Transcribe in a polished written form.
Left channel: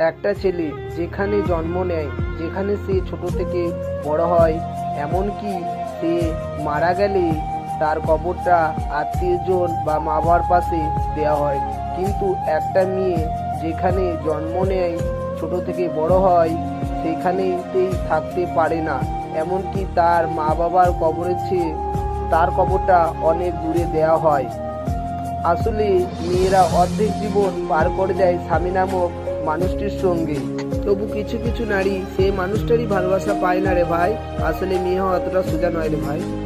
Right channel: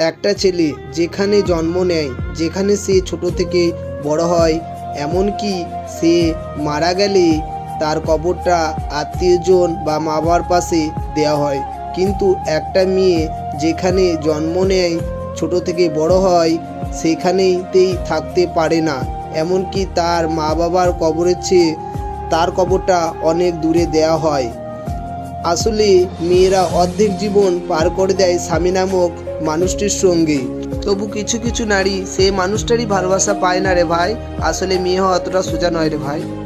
একটা ছেলে যেখানে জন্ম নেয়, যেখানে সে ছোট থেকে বড় হয়, এমনকি সে মারা গেলে তার কবরটা আত্মীয়জন বা মা বাবার পাশে দেওয়া হয়। কিন্তু একটা মেয়ে যেখানে জন্ম নেয়, ছোট থেকে বড় হয়, সেখানেতেই থাকতে পারে না। এমনকি তার মা বাবার কবরের চেয়ে তার কবরটা অনেক দূরে দেওয়া হয়। আসলে মেয়েরা অর্ধেক জীবন পার করে দেয় স্বামী নামক মানুষটির সঙ্গে। তবু কিছু কিছু নারী সেই মানুষটারই ভালোবাসা পায় না রে ভাই। আসলে মেয়ে হওয়া অতটা সোজা নয় রে ভাই।